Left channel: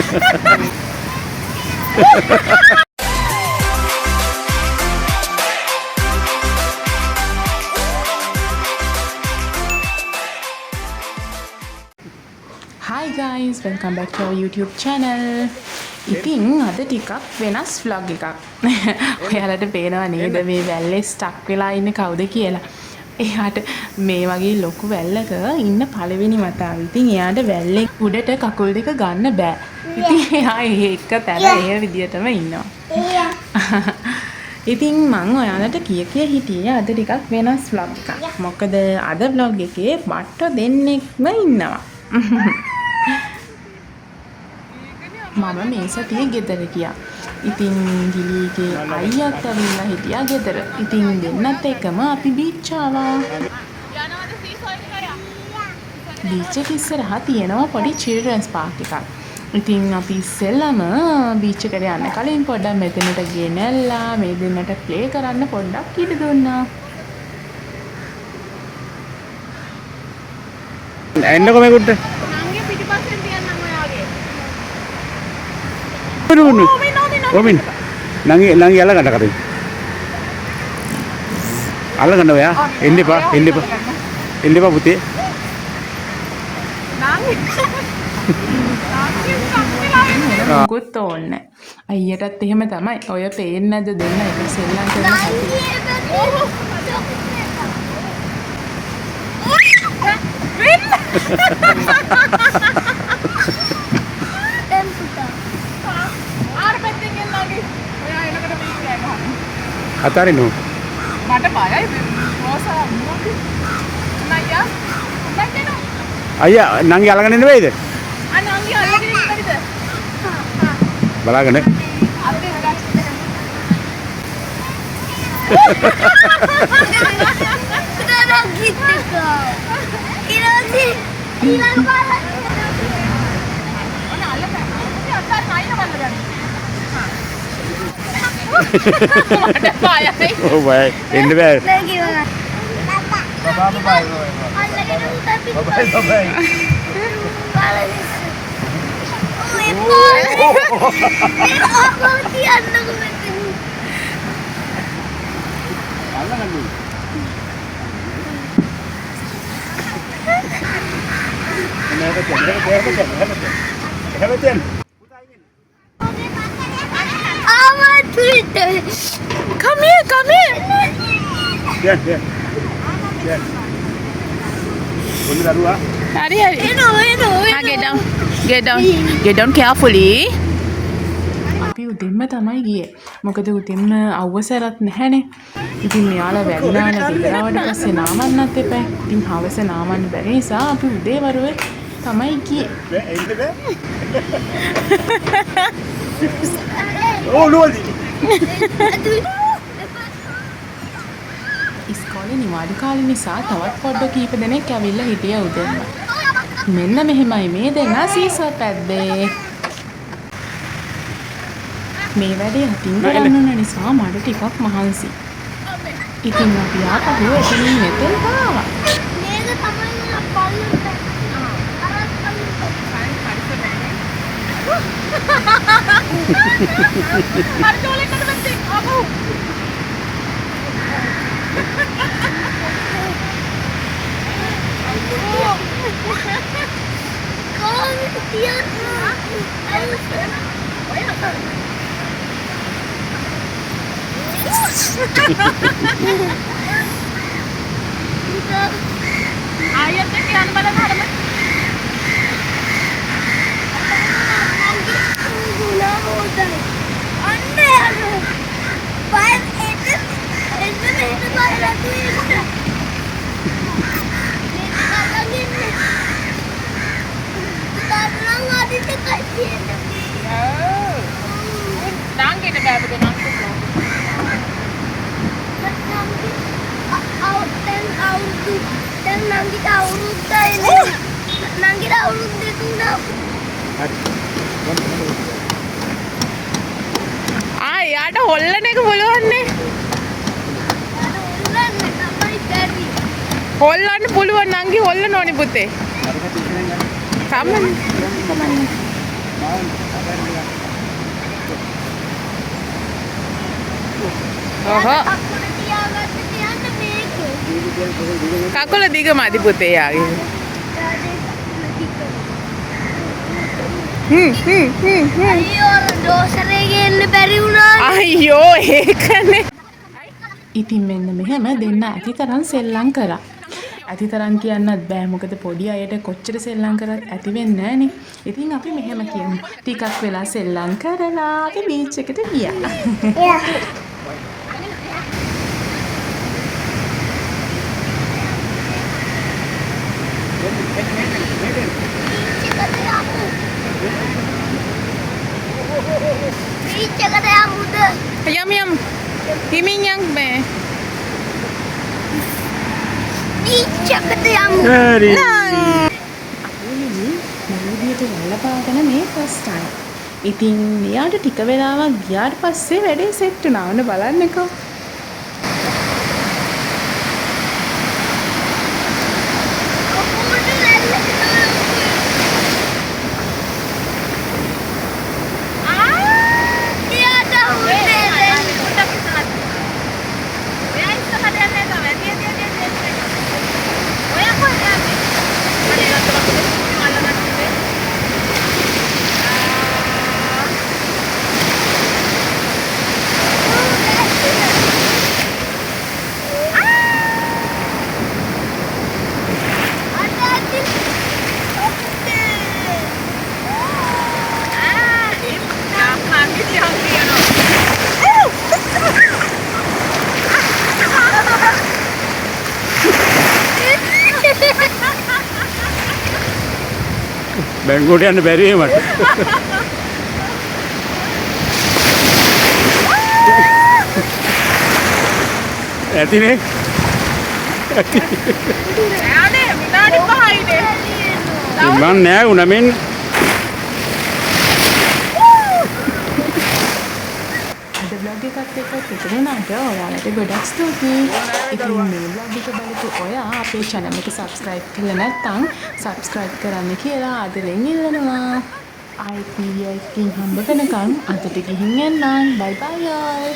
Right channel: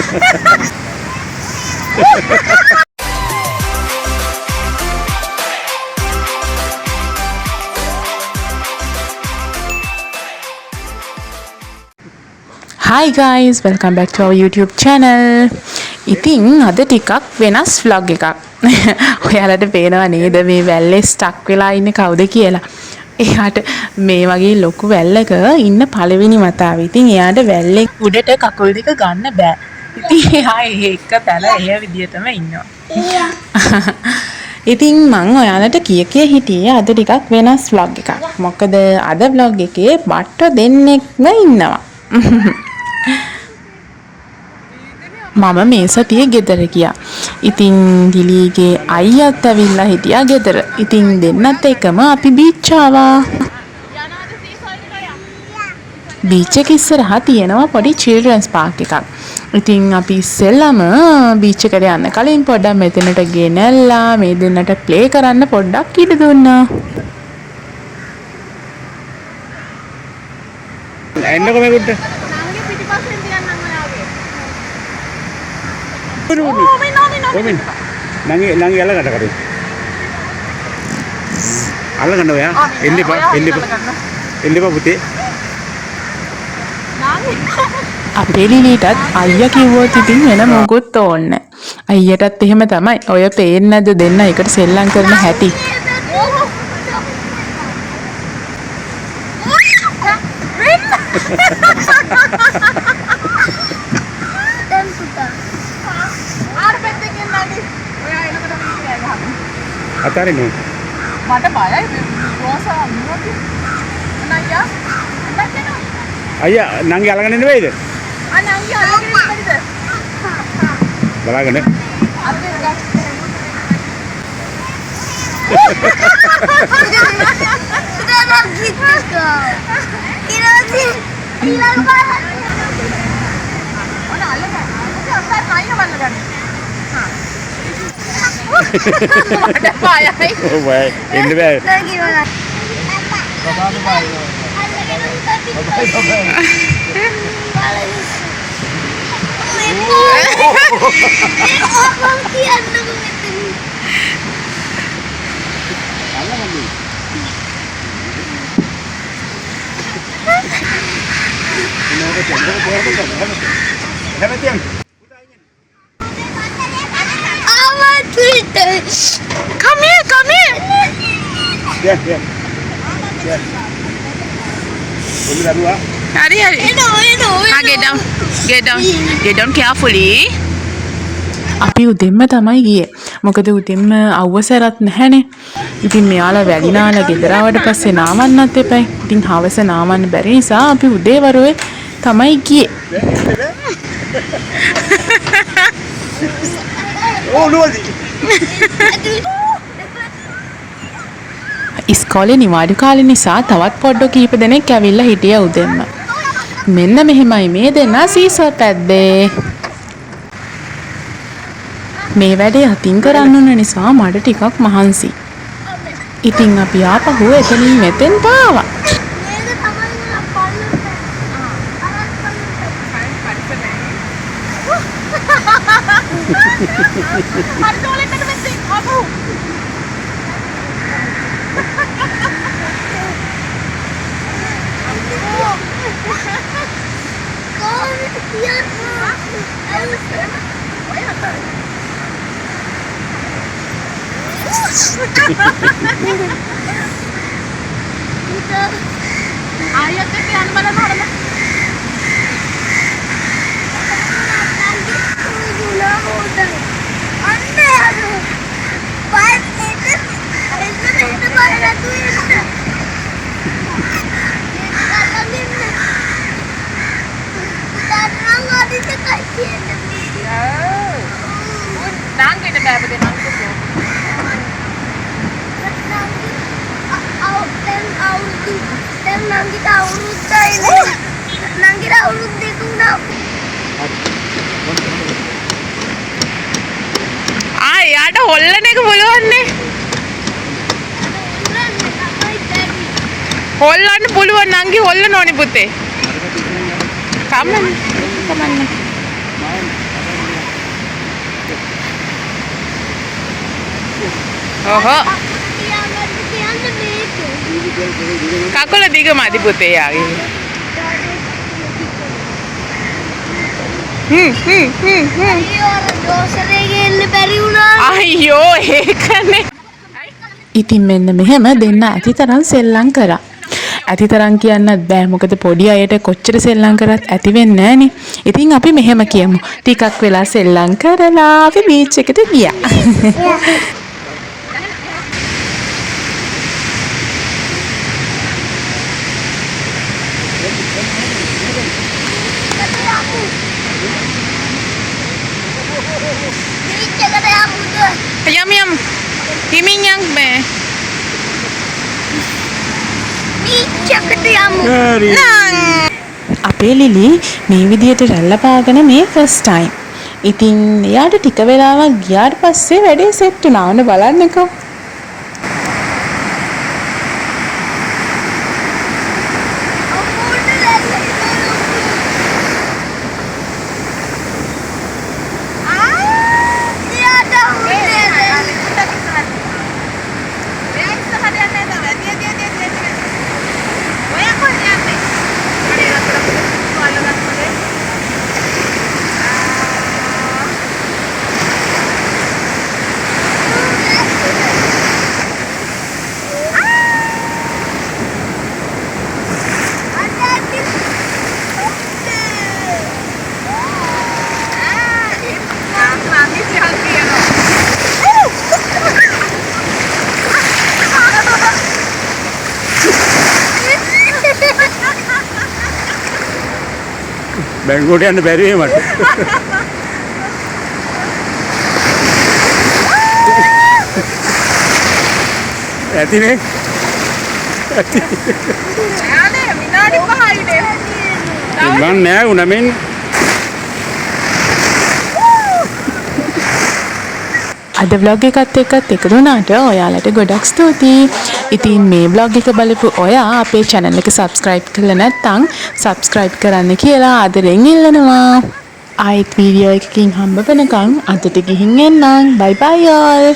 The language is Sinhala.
Hi guys, welcome back to our YouTube channel. ඉතින් අද ටිකක් වෙනස් vlog එකක්. ඔයාලට පේනව නේද මේ වැල්ලේ ස්ටක් වෙලා ඉන්නේ කවුද කියලා? එයාට මේ වගේ ලොකු වැල්ලක ඉන්න පළවෙනි වතාව. ඉතින් එයාට වැල්ලේ උඩට කකුල් දෙක ගන්න බෑ. ඉතින් එයා එක පැල එහෙ විදියටම ඉන්නවා. ඉතින් මම ඔයාලට කිය හිටියේ අද ටිකක් වෙනස් vlog එකක්. මොකද අද vlog එකේ බට්ට දෙන්නෙක්ම ඉන්නවා. මම මේ සතියේ ගෙදර ගියා. ඉතින් දිලීගේ අයියාත් ඇවිල්ලා හිටියා ගෙදර. ඉතින් දෙන්නත් එකම අපි බීච් ආවා. බීච් එක ඉස්සරහා තියෙනවා පොඩි චිල්ඩ්‍රන්ස් පාර්ක් එකක්. ඉතින් අපි ඉස්සෙල්ලාම බීච් එකට යන්න කලින් පොඩ්ඩක් මෙතනට ගෙනල්ලා මේ දෙන්නට ප්ලේ කරන්න පොඩ්ඩක් ඉඩ දුන්නා. එන්නකො මේකට. Romin, nangi ala kata kata. Ala kanda ya? Ini pak putih. අපේ ලිලිටත් අයියා කිව්වොත් ඉතින් වෙන මොකුත් ඕනේ නැහැ. අයියටත් එහෙම තමයි. ඔය පේන්නේ නැද්ද දෙන්න එකට සෙල්ලම් කරන හැටි. Atari no. මට බයයි රෝසා මොනවද? අනయ్యා අනయ్యා Ayah, nangi ala kanda ini itu. අනංගි අල්ලගෙන ඉන්නද? Balagan ya. අපේ ගස්. Sudah gitu kau. Ini hilang barang. ඔන්න අල්ලගන්න. මොකද අස්සාර නයිය බලගන්න. හා. Oh baik, ini baik. Lagi mana? Bye bye. Bye. Come here. Ya. Boleh dah dua. හරි. Get down carefully. අපි උදෙන්ම තමයි ගියේ. මොකද උදෙන්ම අවසරත් නැහැනේ. ඉතින් මෙයාලා වැඩිනාලා ගෙදර ආවට පස්සේ නාවන්නත් එපයි. ඉතින් හවස නාවන්න බැරි නිසා අපි උදේ වරුවේ තමයි ගියේ. Oh, luar. ඉස්කෝලේ නිවාඩු කාලේ නිසා තවත් පොඩ්ඩ කීප දෙනෙක් ඇවිල්ලා හිටියා උදෙන්ම. මෙන්න මෙහෙමයි මේ දෙන්නා සීසෝ පැද්දේ. මේ වැඩේ අතින් කරන්න ඕන නිසා මට ටිකක් මහන්සි. ඉතින් අපි ආපහු එතනින් මෙතෙන්ට ආවා. මේක තමයි මම පල්ලෙට. අරත් පල්ලෙට. පරිස්සමෙන්. පරිසෝලෙන් නැතත් ආපහු. Ayat ke yan bala harma. Nangke na ba nang ko flow. Nangki taurut ini. Nangki taurut di tuna. යාට හොල්ලන එක පුළුවන්නේ. හොල්ලන්න පුළුවන් නංගි හොල්ලන්න ඕනි පුතේ. කමන්න. ඔහො කකුල තියාගන්න කියන්නේ මේක. කකුල දිග මදි පුතේ යාගේ. අයියෝ අර ඩෝසරේ ගෙන්න බැරි වුණා. අයියෝ ඒකනේ. ඉතින් මෙන්න මෙහෙම දෙන්න ඇතිතරම් සෙල්ලම් කරා. ඇතිතරම් කියන්නත් බෑ මොකද පොඩි අයට කොච්චර සෙල්ලම් කරත් ඇති වෙන්නේ නෑනේ. ඉතින් අපි මෙහෙම කියමු. ටිකක් වෙලා සෙල්ලම් කරලා අපි බීච් එකට ගියා. බීච් එකට යමුද? යම් යම්. හිමින් යන් මේ. බීච් එකට යමු. හරි. අපේ ලිලි මේ විදිහට රැල්ල පාගෙන මේ ෆස්ට් ටයිම්. ඉතින් එයාට ටික වෙලාවක් ගියාට පස්සේ වැඩේ සෙට් වුණා. ඔන්න බලන්නකෝ. අම්මෝට ලැල්ලට බැංකුවට යන්න බැරි වෙයි මට. ඇතිනේ. මං නෑ උනමින්. අද vlog එකත් එක්කත් එකතු වුණාට ඔයාලට ගොඩක් ස්තුතියි. ඉතින් මේ vlog එක බලපු ඔයා අපේ channel එක subscribe කරලා නැත්නම් subscribe කරන්න කියලා ආදරෙන් ඉල්ලනවා. ආයෙත් වීඩියෝ එකකින් හම්බ වෙනකන් අදට ගිහින් එන්නම්. bye bye all.